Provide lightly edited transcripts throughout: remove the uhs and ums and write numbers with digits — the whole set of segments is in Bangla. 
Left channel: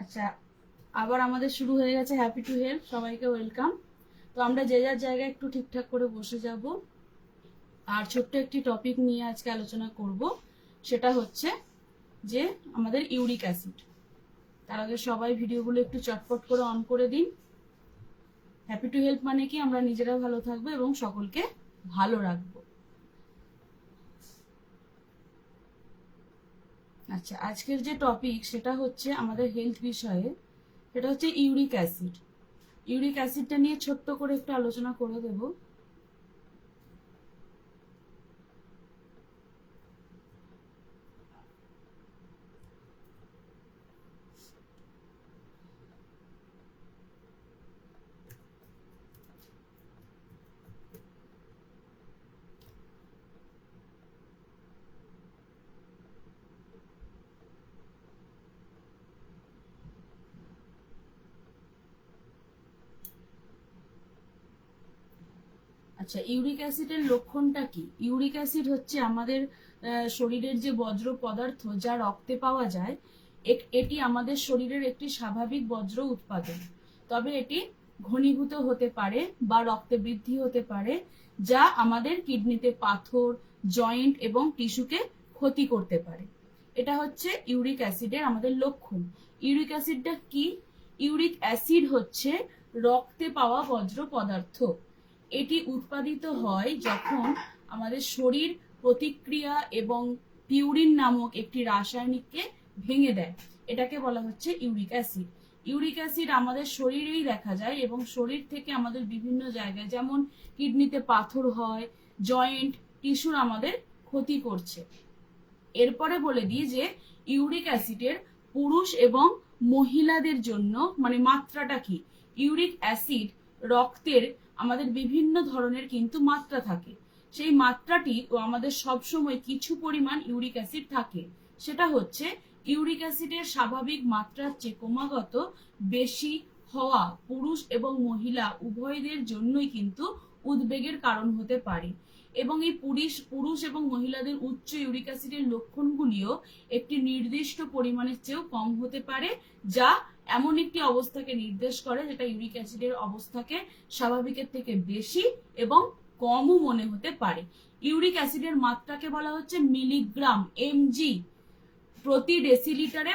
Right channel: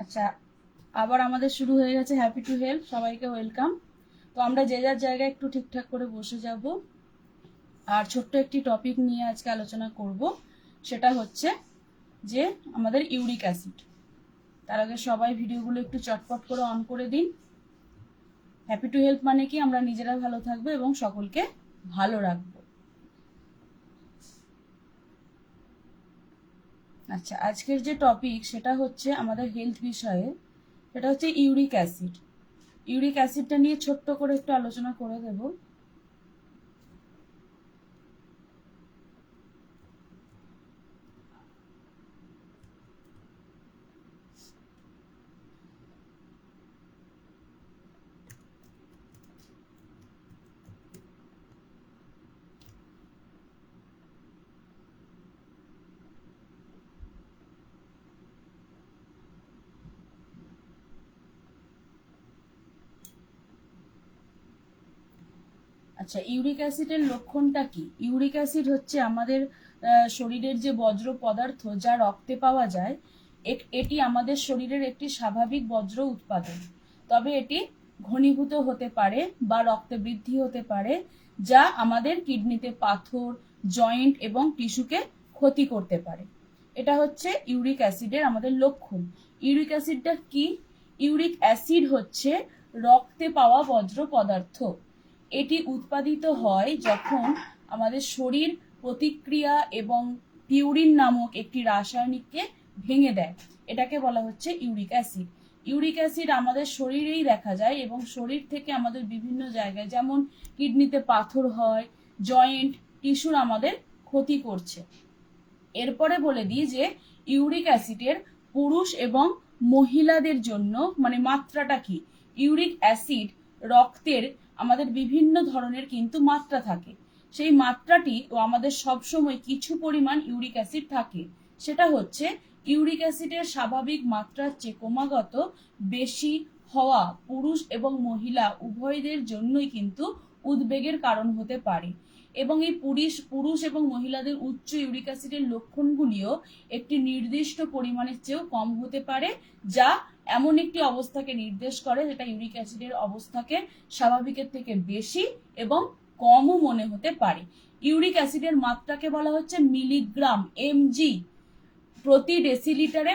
আচ্ছা, আবার আমাদের শুরু হয়ে গেছে হ্যাপি টু হেল্প। সবাইকে ওয়েলকাম। তো আমরা যে যার জায়গায় একটু ঠিকঠাক করে বসে যাব, আর ছোট্ট একটি টপিক নিয়ে আজকে আলোচনা করব। সেটা হচ্ছে যে আমাদের ইউরিক অ্যাসিড। তার আগে সবাই ভিডিওগুলো একটু চটপট করে অন করে দিন। হ্যাপি টু হেল্প মানে কি, আমরা নিজেরা ভালো থাকবো এবং সকলকে ভালো রাখবো। আচ্ছা, আজকের যে টপিক সেটা হচ্ছে আমাদের হেলথ বিষয়ে, সেটা হচ্ছে ইউরিক অ্যাসিড। ইউরিক অ্যাসিডটা নিয়ে ছোট্ট করে একটু আলোচনা করে দেবো। আচ্ছা, ইউরিক অ্যাসিডের লক্ষণটা কি? ইউরিক অ্যাসিড হচ্ছে আমাদের শরীরের যে বজ্র পদার্থ যা রক্তে পাওয়া যায়, এটি আমাদের শরীরের একটি স্বাভাবিক বজ্র উৎপাদন। তবে এটি ঘনীভূত হতে পারে বা রক্তে বৃদ্ধি হতে পারে, যা আমাদের কিডনিতে পাথর, জয়েন্ট এবং টিস্যুকে ক্ষতি করতে পারে। এটা হচ্ছে ইউরিক অ্যাসিডের আমাদের লক্ষণ। ইউরিক অ্যাসিডটা কি? ইউরিক অ্যাসিড হচ্ছে রক্তে পাওয়া বজ্র পদার্থ। এটি উৎপাদিত হয় যখন আমাদের শরীর প্রতিক্রিয়া এবং পিউরিন নামক একটি রাসায়নিককে ভেঙে দেয়। এটাকে বলা হচ্ছে ইউরিক অ্যাসিড। ইউরিক অ্যাসিড আমাদের শরীরেই দেখা যায় এবং শরীর থেকে আমাদের বিভিন্ন জায়গায়, যেমন কিডনিতে পাথর হয়, জয়েন্ট, টিস্যুর আমাদের ক্ষতি করছে। এরপরে বলে দিই যে ইউরিক অ্যাসিডের পুরুষ এবং মহিলাদের জন্য মানে মাত্রাটা কি। ইউরিক অ্যাসিড রক্তের আমাদের বিভিন্ন ধরনের কিন্তু মাত্রা থাকে। সেই মাত্রাটি আমাদের সবসময় কিছু পরিমাণ ইউরিক অ্যাসিড থাকে। সেটা হচ্ছে ইউরিক অ্যাসিডের স্বাভাবিক মাত্রার চেয়ে ক্রমাগত বেশি হওয়া পুরুষ এবং মহিলা উভয়দের জন্যই কিন্তু উদ্বেগের কারণ হতে পারে। এবং এই পুরুষ এবং মহিলাদের উচ্চ ইউরিক অ্যাসিডের লক্ষণগুলিও একটি নির্দিষ্ট পরিমাণের চেয়েও কম হতে পারে, যা এমন একটি অবস্থাকে নির্দেশ করে যেটা ইউরিক অ্যাসিডের অবস্থাকে স্বাভাবিকের থেকে বেশি এবং কমও মনে হতে পারে। ইউরিক অ্যাসিডের মাত্রাকে বলা হচ্ছে মিলিগ্রাম এমজি প্রতি ডেসিলিটারে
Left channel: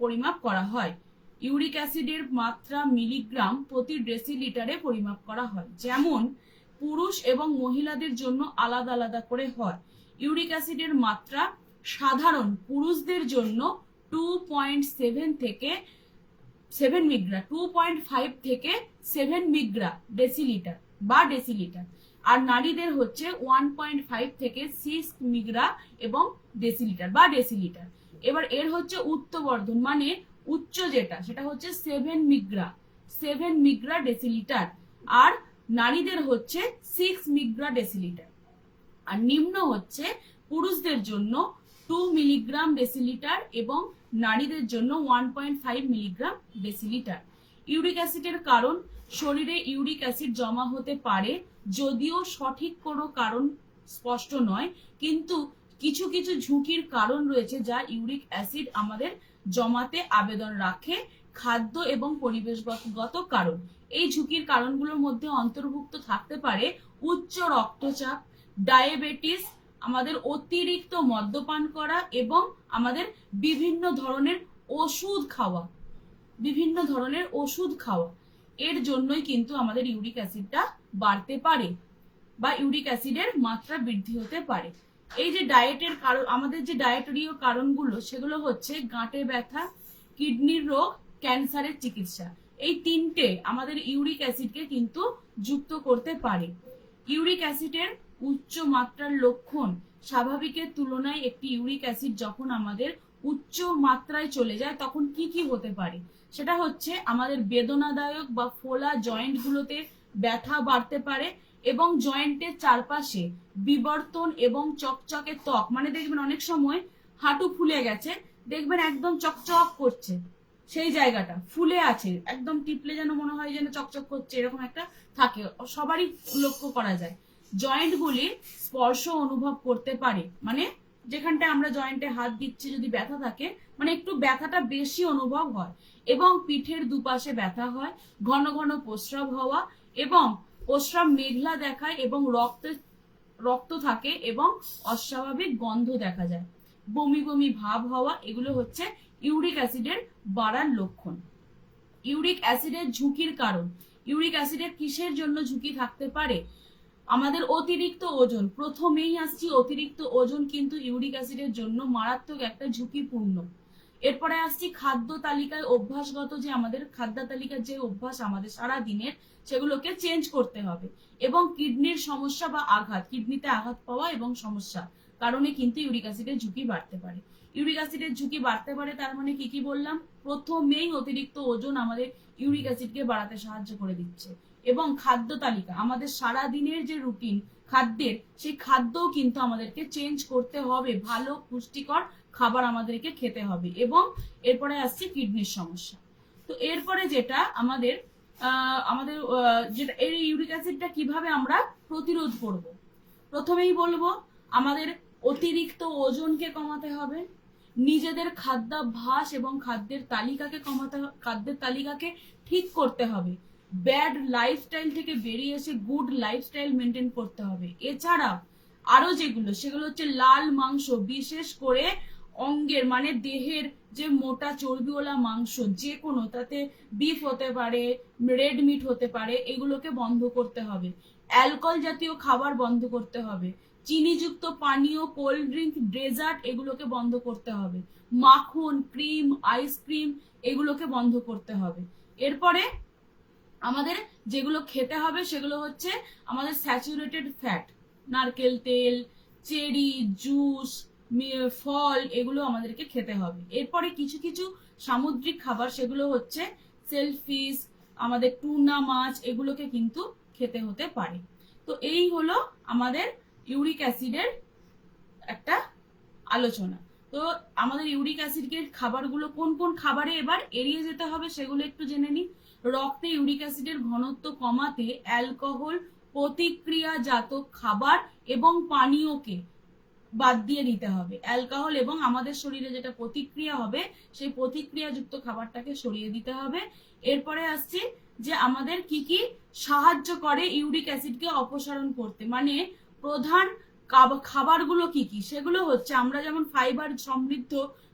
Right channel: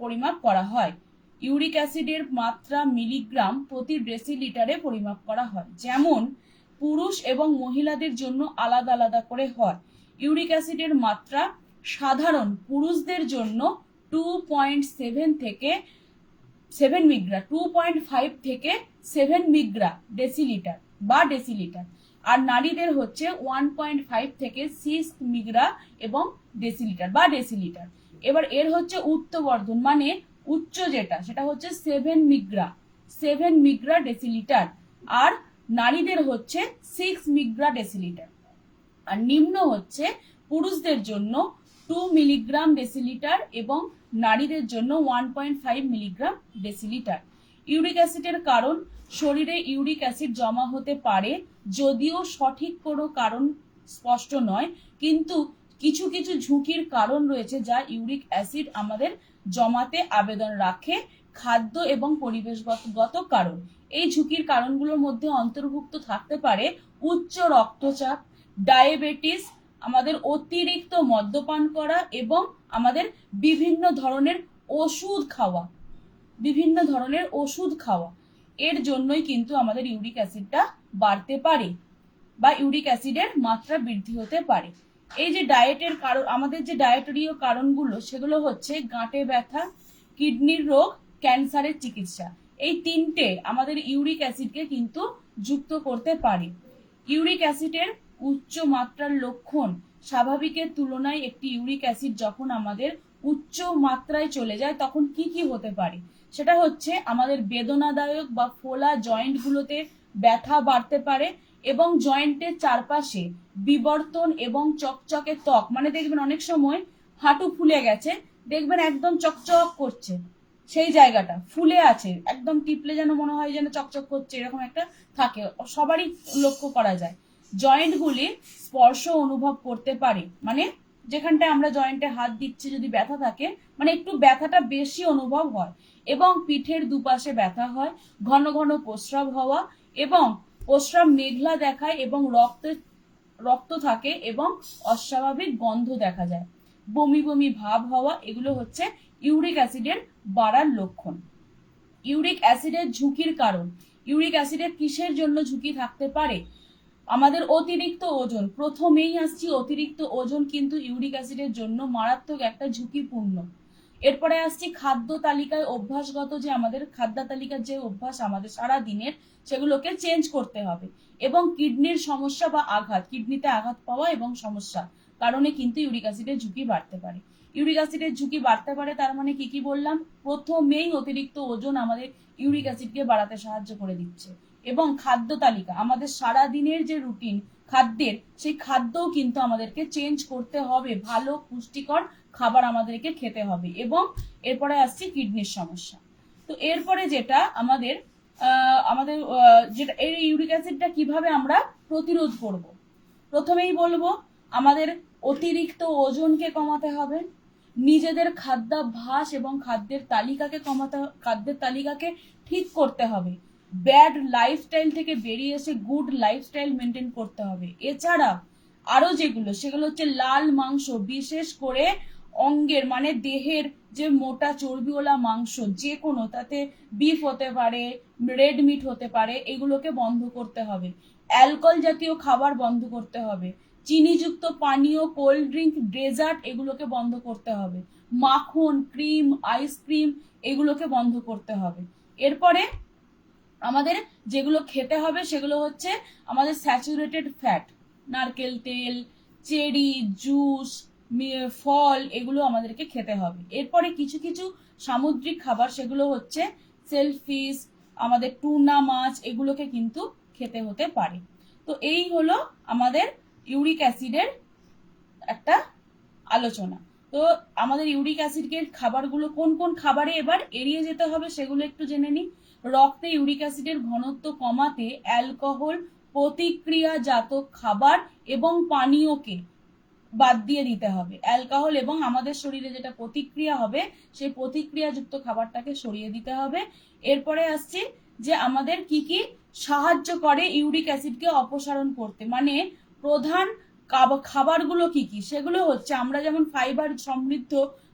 পরিমাপ করা হয়। ইউরিক অ্যাসিডের মাত্রা মিলিগ্রাম প্রতি ডেসিলিটারে পরিমাপ করা হয়। যেমন পুরুষ এবং মহিলাদের জন্য আলাদা আলাদা করে হয়। ইউরিক অ্যাসিডের মাত্রা সাধারণ পুরুষদের জন্য 2.7 থেকে 7 মিগ্রা, 2.5 থেকে 7 মিগ্রা ডেসিলিটার বা ডেসিলিটার। আর নারীদের হচ্ছে 1.5 থেকে 6 মিগ্রা এবং ডেসিলিটার বা ডেসিলিটার। এবার এর হচ্ছে উচ্চবর্ধন মানে উচ্চ যেটা, সেটা হচ্ছে 7 মিগ্রা ডেসিলিটার। আর নারীদের হচ্ছে 6 মিগ্রা ডেসিলিটার। আর নিম্ন হচ্ছে পুরুষদের জন্য 2 মিলিগ্রাম ডেসিলিটার এবং নারীদের জন্য 1.5 মিলিগ্রাম ডেসিলিটার। ইউরিক অ্যাসিডের কারণ, শরীরে ইউরিক অ্যাসিড জমা হতে পারে, যদিও সঠিক কোনো কারণ স্পষ্ট নয়, কিন্তু কিছু কিছু ঝুঁকির কারণ রয়েছে যা ইউরিক অ্যাসিড আমাদের জমাতে আবেদন রাখে। খাদ্য এবং পরিবেশগত কারণ। এই ঝুঁকির কারণগুলোর মধ্যে অন্তর্ভুক্ত থাকতে পারে উচ্চ রক্তচাপ, ডায়াবেটিস, আমাদের অতিরিক্ত মদ্যপান করা এবং আমাদের বিভিন্ন ধরনের ওষুধ খাওয়া। এর জন্যই কিন্তু আমাদের ইউরিক অ্যাসিডটা বাড়তে পারে বা ইউরিক অ্যাসিডের মাত্রা বৃদ্ধি হতে পারে। এই যে ডায়েটের কারণ, আমাদের যে ডায়েটরীয় কারণগুলো, সেগুলো হচ্ছে গাঁটে ব্যথা, কিডনির রোগ, ক্যান্সারের চিকিৎসা। এই তিনটে আমাদের ইউরিক অ্যাসিডকে কিন্তু যুক্ত করতে পারে। ইউরিক অ্যাসিডের উচ্চ মাত্রার লক্ষণ, স্বাভাবিকের তুলনায় একটি ইউরিক অ্যাসিড যখন আমাদের উচ্চ মাত্রায় চলে যায় তখন কি কি হতে পারে, সেটা হচ্ছে আমাদের বেদনাদায়ক বা ফোলা জয়েন্টগুলোতে ব্যথা বাড়তে পারে এবং জয়েন্টের চারপাশে বিবর্তন এবং চকচকে ত্বক, মানে দেখবেন অনেক সময় হাঁটু ফুলে গেছে, দেখবেন একদম চকচক করছে, সেই জায়গাটা ফুলে আছে, একদম টিপলে যেন মনে হয় যেন চকচক করছে, এরকম একটা থাকে, সবারই লক্ষ্য করা যায়। জয়েন্টগুলি স্পর্শ অনুভব করতে পারে, মানে যেখানটায় আমরা জয়েন্টে হাত দিচ্ছি যদি ব্যথা থাকে, মানে একটু ব্যথাটা বেশি অনুভব হয়, এবং পিঠের দুপাশে ব্যথা হয়, ঘন ঘন প্রস্রাব হওয়া, এবং প্রস্রাব মেঘলা দেখায়, এবং রক্ত থাকে, এবং অস্বাভাবিক গন্ধ দেখা যায়, বমি বমি ভাব হওয়া, এগুলো হচ্ছে ইউরিক অ্যাসিডের বাড়ার লক্ষণ। ইউরিক অ্যাসিডের ঝুঁকির কারণ, ইউরিক অ্যাসিডের কিসের জন্য ঝুঁকি থাকতে পারে? আমাদের অতিরিক্ত ওজন, প্রথমেই আসছি অতিরিক্ত ওজন কিন্তু ইউরিক অ্যাসিডের জন্য মারাত্মক একটা ঝুঁকিপূর্ণ। এরপরে আসছি খাদ্য তালিকায় অভ্যাসগত, যে আমাদের খাদ্য তালিকার যে অভ্যাস আমাদের সারা দিনের, সেগুলোকে চেঞ্জ করতে হবে। এবং কিডনির সমস্যা বা আঘাত, কিডনিতে আঘাত পাওয়া এবং সমস্যা কারণে কিন্তু ইউরিক অ্যাসিডের ঝুঁকি বাড়তে পারে। ইউরিক অ্যাসিডের ঝুঁকি বাড়তে পারে, তার মানে কি কি বললাম? প্রথমেই অতিরিক্ত ওজন আমাদের ইউরিক অ্যাসিডকে বাড়াতে সাহায্য করে দিচ্ছে। এবং খাদ্য তালিকা, আমাদের সারা দিনের যে রুটিন খাদ্যের, সেই খাদ্যও কিন্তু আমাদেরকে চেঞ্জ করতে হবে, ভালো পুষ্টিকর খাবার আমাদেরকে খেতে হবে। এবং এরপরে আসছে কিডনির সমস্যা। তো এরপরে যেটা আমাদের যেটা এই ইউরিক অ্যাসিডটা কিভাবে আমরা প্রতিরোধ করব, প্রথমেই বলবো আমাদের অতিরিক্ত ওজনকে কমাতে হবে, নিজেদের খাদ্যাভ্যাস এবং খাদ্যের তালিকাকে ঠিক করতে হবে, ব্যাড লাইফস্টাইল থেকে বেরিয়ে এসে গুড লাইফস্টাইল মেনটেন করতে হবে। এছাড়া আরো সেগুলো হচ্ছে লাল মাংস, বিশেষ করে অঙ্গের মানে দেহের যে মোটা চর্বিওয়ালা মাংস, যে কোনো, তাতে বিফ হতে পারে, রেড মিট হতে পারে, এগুলোকে বন্ধ করতে হবে। অ্যালকোহল জাতীয় খাবার বন্ধ করতে হবে, চিনিযুক্ত পানীয়, কোল্ড ড্রিঙ্ক, ডেজার্ট, এগুলোকে বন্ধ করতে হবে, মাখন, ক্রিম, আইসক্রিম, এগুলোকে বন্ধ করতে হবে। এরপরে আমাদের যেগুলো খেতে হবে সেগুলো হচ্ছে আমাদের স্যাচুরেটেড ফ্যাট, নারকেল তেল, চেরি, জুস, ফল, এগুলো আমাদেরকে খেতে হবে। এরপরে কিছু কিছু সামুদ্রিক খাবার, সেগুলো হচ্ছে সেলফিশ, আমাদের টুনা মাছ, এগুলোকে কিন্তু খেতে হতে পারে। তো এই হলো আমাদের ইউরিক অ্যাসিডের একটা আলোচনা। তো আমাদের ইউরিক অ্যাসিডের খাবারগুলো কোন কোন খাবারে এবার এড়িয়ে যেতে হবে সেগুলো একটু জেনে নিই। রক্তে ইউরিক অ্যাসিডের ঘনত্ব কমাতে অ্যালকোহল প্রতিক্রিয়াজাত খাবার এবং পানীয়কে বাদ দিয়ে দিতে হবে। অ্যালকোহল এবং আমাদের শরীরে যেটা প্রতিক্রিয়া হবে, সেই প্রতিক্রিয়াযুক্ত খাবারটাকে সরিয়ে দিতে হবে। এরপরে আসছে যে আমাদের কি কি সাহায্য করে ইউরিক অ্যাসিডকে অপসারণ করতে, মানে প্রধান খাবারগুলো কি কি, সেগুলো হচ্ছে আমরা যেমন ফাইবার সমৃদ্ধ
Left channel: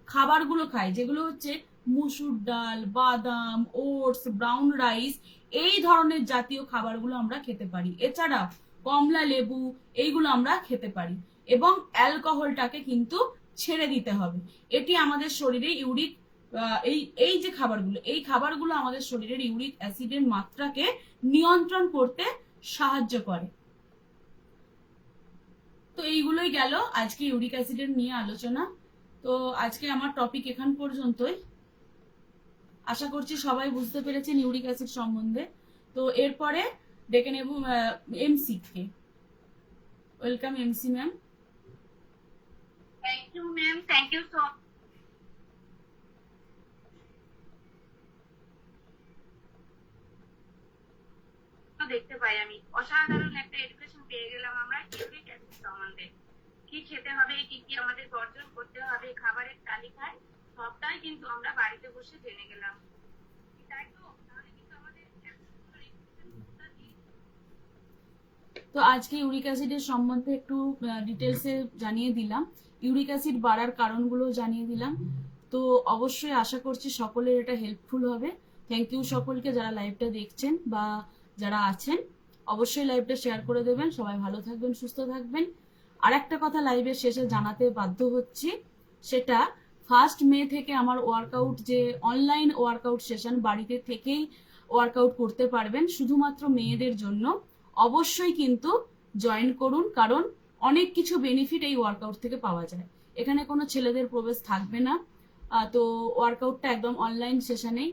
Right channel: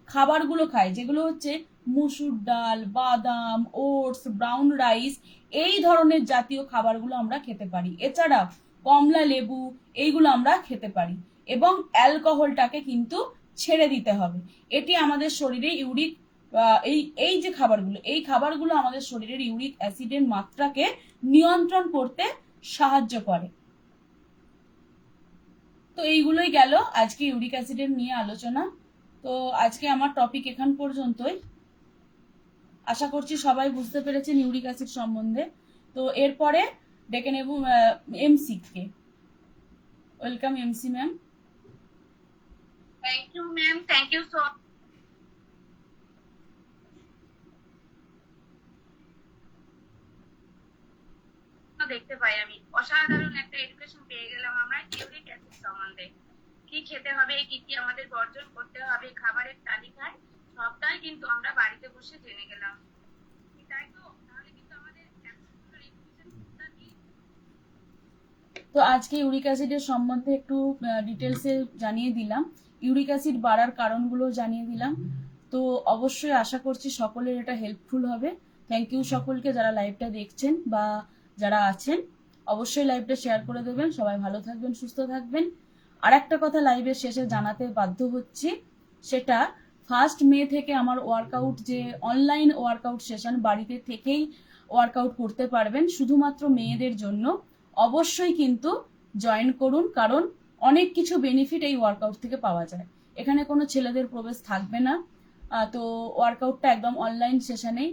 খাবারগুলো খাই, যেগুলো হচ্ছে মুসুর ডাল, বাদাম, ওটস, ব্রাউন রাইস, এই ধরনের জাতীয় খাবারগুলো আমরা খেতে পারি। এছাড়াও কমলা লেবু, এইগুলো আমরা খেতে পারি। এবং অ্যালকোহলটাকে কিন্তু ছেড়ে দিতে হবে। এটি আমাদের শরীরে ইউরিক এই যে খাবারগুলো, এই খাবারগুলো আমাদের শরীরের ইউরিক অ্যাসিডের মাত্রাকে নিয়ন্ত্রণ করতে সাহায্য করে। তো এইগুলোই গেল আজকে ইউরিক অ্যাসিডের নিয়ে আলোচনা। তো আজকে আমার টপিক এখান পর্যন্তই। আশা করছি সবাই বুঝতে পেরেছেন ইউরিক অ্যাসিড সম্বন্ধে। তো এরপরে ডেকে নেব এমসি কে। Welcome MC ma'am. Thank you ma'am, thank you so দেখতে পাই আমি অসাধারণ একটা এডুকেশন পেয়ে গেলাম আমরা ইউরিক অ্যাসিড সম্বন্ধে। কি খেতে হবে, কি কি আমাদের বর্জন করতে হবে খাবারের তালিকায়, সবটাই কিন্তু আমরা বাড়িতে বসে জেনে গেলাম। তাই তো, তাহলে কিন্তু আমাদের তো আজকে ইউরিক অ্যাসিডের সম্বন্ধে একটু ডিটেলসে জানিয়ে দিলাম, ইউরিক অ্যাসিড বাড়ার কারণগুলো জানিয়ে দিলাম। তো অবশ্যই আশা করছি সকলের এটা হেল্পফুল হবে। থ্যাংক ইউ সকলকে যারা লাইভটা দেখছেন বা যারা আছেন, অবশ্যই লাইভটা শেয়ার করে দেবেন। সবাই ভালো থাকবেন, সুস্থ থাকবেন। আর একটা কথা লাইভের শেষে জানাতে বাধ্য হচ্ছি, সেটা 1 মে থেকে আমার ওয়ার্কআউট, যে অনলাইন ওয়ার্কআউট সেশন, বাড়িতে থেকেই ওয়ার্কআউট করতে পারবেন, শুধুমাত্র মেয়েদের জন্য। অবশ্যই কিন্তু জয়েন করুন, কারণ অনেক কিছু বেনিফিট এই ওয়ার্কআউট থেকে পাওয়া যায়। এখানে কোনো ছেলেদের প্রবেশ থাকবে না। তো ওয়ার্কআউটটা একদম অনলাইন সেশনেই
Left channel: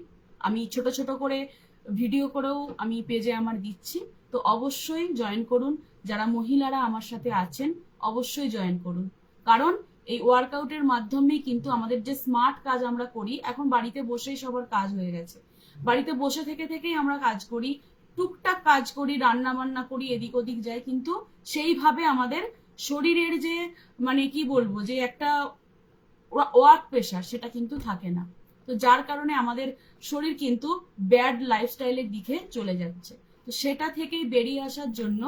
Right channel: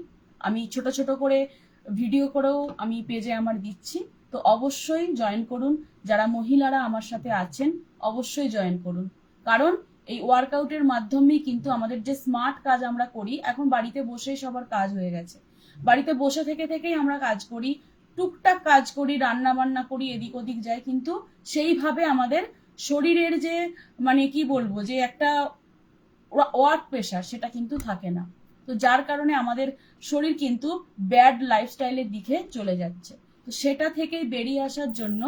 আমি ছোট ছোট করে ভিডিও করেও আমি পেজে আমার দিচ্ছি। তো অবশ্যই জয়েন করুন। যারা মহিলারা আমার সাথে আছেন অবশ্যই জয়েন করুন, কারণ এই ওয়ার্কআউটের মাধ্যমেই কিন্তু আমাদের যে স্মার্ট কাজ আমরা করি, এখন বাড়িতে বসেই সবার কাজ হয়ে গেছে, বাড়িতে বসে থেকেই আমরা কাজ করি, টুকটাক কাজ করি, রান্না বান্না করি, এদিক ওদিক যাই, কিন্তু সেইভাবে আমাদের শরীরের যে মানে কি বলবো যে একটা ওয়ার্ক প্রেশার সেটা কিন্তু থাকে না। তো যার কারণে আমাদের শরীর কিন্তু ব্যাড লাইফস্টাইলের দিকে চলে যাচ্ছে। তো সেটা থেকেই বেরিয়ে আসার জন্য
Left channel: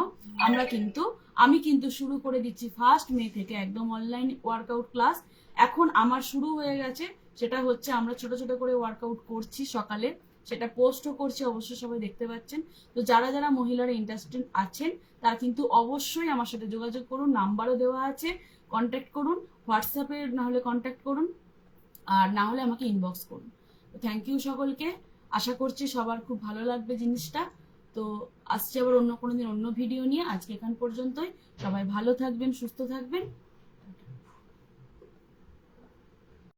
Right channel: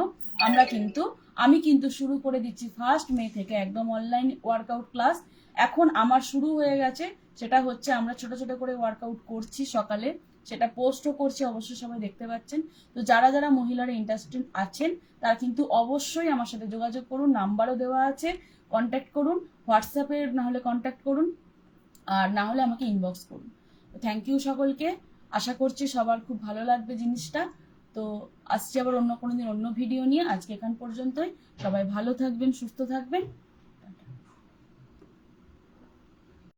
আমি কিন্তু শুরু করে দিচ্ছি 1 মে থেকে একদম অনলাইন ওয়ার্কআউট ক্লাস। এখন আমার শুরু হয়ে গেছে, সেটা হচ্ছে আমরা ছোট ছোট করে ওয়ার্কআউট করছি সকালে, সেটা পোস্টও করছি, অবশ্যই সবাই দেখতে পাচ্ছেন। তো যারা যারা মহিলারা ইন্টারেস্টেড আছেন তারা কিন্তু অবশ্যই আমার সাথে যোগাযোগ করুন, নাম্বারও দেওয়া আছে, কন্ট্যাক্ট করুন, হোয়াটসঅ্যাপে না হলে কন্ট্যাক্ট করুন, আর না হলে আমাকে ইনবক্স করুন। থ্যাংক ইউ সকলকে, আশা করছি সবার খুব ভালো লাগবে জিনিসটা। তো আসছি আবার অন্য কোনো দিন অন্য ভিডিও নিয়ে। আজকে এখান পর্যন্তই, সবাই ভালো থাকবেন, সুস্থ থাকবেন।